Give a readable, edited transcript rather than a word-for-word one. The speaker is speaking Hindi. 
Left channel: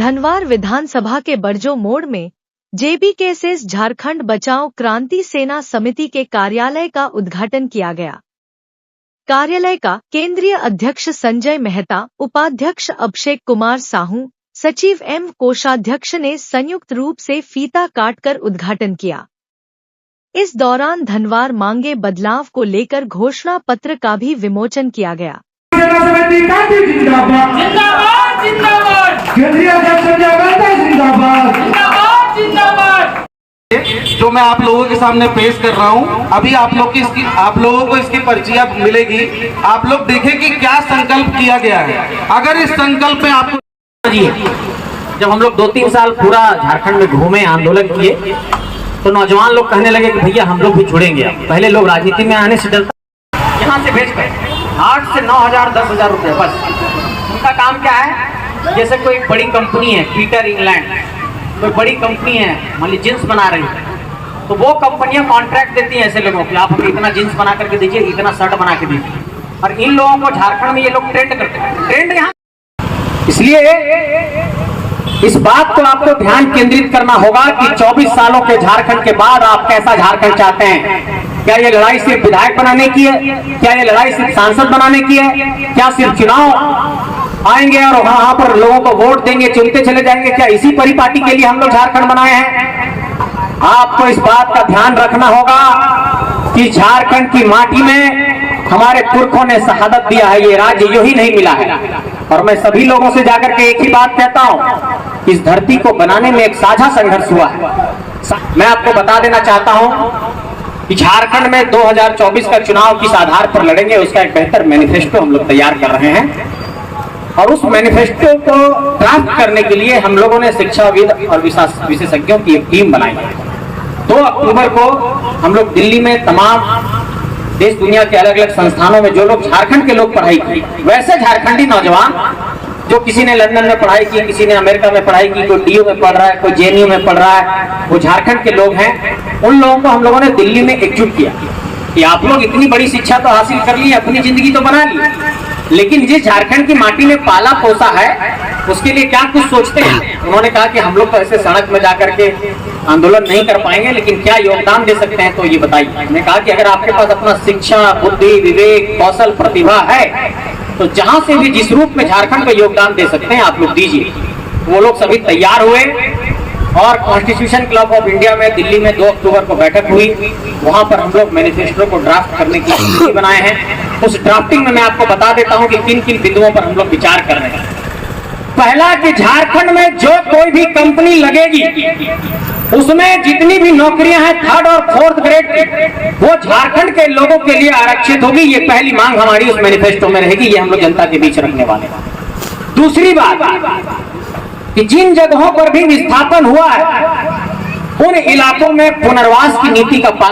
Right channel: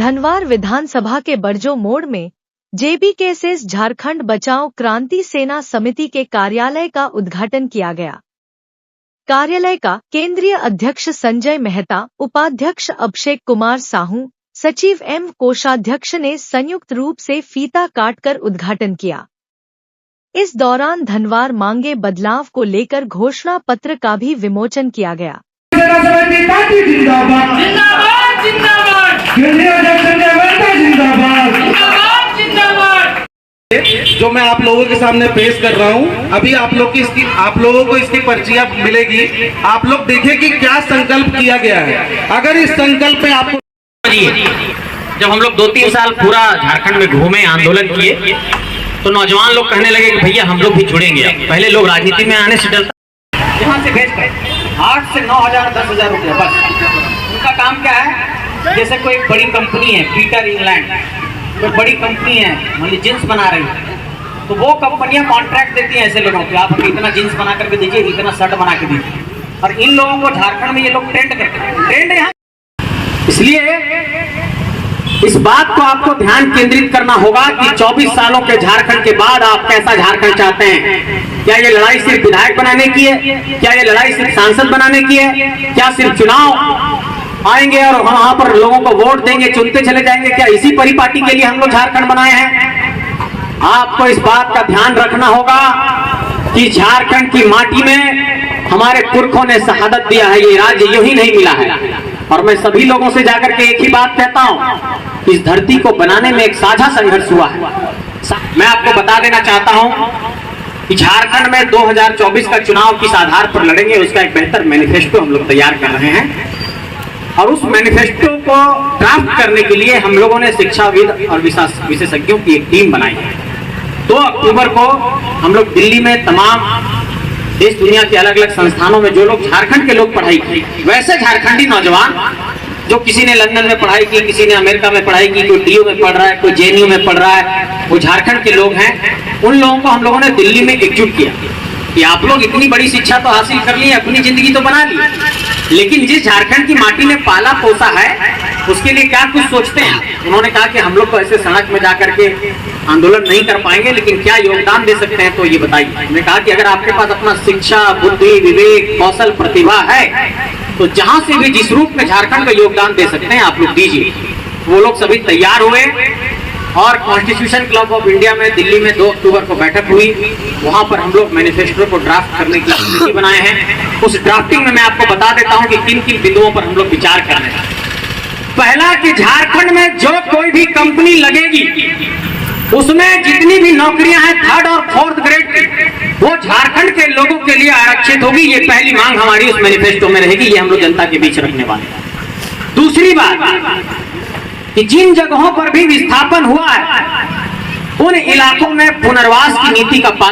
धनवार विधानसभा के बरजो मोड़ में JBKSS झारखंड बचाओ क्रांति सेना समिति के कार्यालय का उद्घाटन किया गया। कार्यालय का केंद्रीय अध्यक्ष संजय मेहता, उपाध्यक्ष अभिषेक कुमार साहू, सचिव M कोषाध्यक्ष ने संयुक्त रूप से फीता काटकर उद्घाटन किया। इस दौरान धनवार मांगे बदलाव को लेकर घोषणा पत्र का भी विमोचन किया गया। जो मैं आप लोगों के सामने पेश कर रहा हूं, अभी आप लोगों को इसकी पर्चियां मिलेगी। आप लोग देखें कि क्या संकल्प किया गया है। अगर इस संकल्प में आपको जब हम लोग 2-3 साल पूरा झारखंड में घूमे, आंदोलन किए, तो नौजवान लोग कहने लगे कि भैया हम लोग भी जुड़ेंगे। पहले लोग राजनीति में आने से डरते, यहाँ से भेज कर 8 से 9,000 10,000 रुपये बस। उनका काम क्या है, जैसे कोई बड़ी कंपनी है, पीटर इंग्लैंड कोई बड़ी कंपनी है, मान लीजिए जींस बना रही है, तो वो कंपनियां कॉन्ट्रैक्ट देती हैं ऐसे लोगों को, आप हमें इतना जींस बना करके दीजिए, इतना शर्ट बना के दीजिए। और इन लोगों को झारखंड में ये लोग ट्रेंड करते हैं, ट्रेंड यहाँ। इसलिए इस बात को आपको ध्यान केंद्रित करना होगा कि 24 सालों के झारखंड के बाद आप कैसा झारखंड चाहते हैं। क्या ये लड़ाई सिर्फ विधायक बनाने की है? क्या ये लड़ाई सिर्फ सांसद बनाने की है? क्या सिर्फ चुनाव आएंगे और वहां पर लोगों को वोट देंगे, चुनते चले जाएंगे? क्या इसी परिपाटी के लिए हम लोग झारखंड बनाए हैं? आपको इस बात का ध्यान रखना होगा कि झारखंड की माटी में हमारे पुरखों ने शहादत दिया है, ये राज्य यूं ही नहीं मिला है। और मैं सभी लोगों से जाकर के एक ही बात कहता हूं, इस धरती को बनाने में एक साझा संघर्ष हुआ है। मैं आपको बता देना चाहता हूं कि झारखंड में 2024 का चुनाव किस आधार पर लड़ेंगे, उसका एक बेहतर मैनिफेस्टो हम लोग तैयार कर रहे हैं। और उस मैनिफेस्टो को ड्राफ्ट करने के लिए हम लोगों ने शिक्षाविद और विशेषज्ञों की एक टीम बनाई है। 2 अक्टूबर को हम लोग दिल्ली में तमाम देश दुनिया के अलग अलग संस्थानों में जो लोग झारखंड के लोग पढ़ाई की, वैसे झारखंडी नौजवान जो किसी ने लंदन में पढ़ाई की, किसी ने अमेरिका में पढ़ाई की, कोई DU में पढ़ रहा है, कोई JNU में पढ़ रहा है, वो झारखंड के लोग हैं। उन लोगों को हम लोगों ने दिल्ली में एकजुट किया कि आप लोग इतनी बड़ी शिक्षा तो हासिल कर ली, अपनी जिंदगी तो बना ली, लेकिन जिस झारखंड की माटी ने पाला पोसा है उसके लिए क्या कुछ सोचते हैं। उन्होंने कहा कि हम लोग तो ऐसे सड़क में जाकर के आंदोलन नहीं कर पाएंगे, लेकिन क्या योगदान दे सकते हैं, तो ये बताइए। मैंने कहा कि अगर आपके पास अपना शिक्षा, बुद्धि, विवेक, कौशल, प्रतिभा है, तो जहां से भी जिस रूप में झारखंड का योगदान दे सकते हैं आप लोग दीजिए। वो लोग सभी तैयार हुए और कॉन्स्टिट्यूशन क्लब ऑफ इंडिया में दिल्ली में 2 अक्टूबर को बैठक हुई। वहां पर हम लोग मैनिफेस्टो को ड्राफ्ट करने की रणनीति बनाए हैं। उस ड्राफ्टिंग में मैं आपको बता देता हूं कि किन बिंदुओं पर हम लोग विचार कर रहे हैं। पहला कि झारखंड में जो कोई भी कंपनी लगेगी उसमें जितनी भी नौकरियां हैं 3rd और 4th ग्रेड की, वो झारखंड के लोगों के लिए आरक्षित होगी। ये पहली मांग हमारी उस मैनिफेस्टो में रहेगी, ये हम लोग जनता के बीच रखने वाले हैं। दूसरी बात कि जिन जगहों पर भी विस्थापन हुआ है उन इलाकों में पुनर्वास की नीति का पालन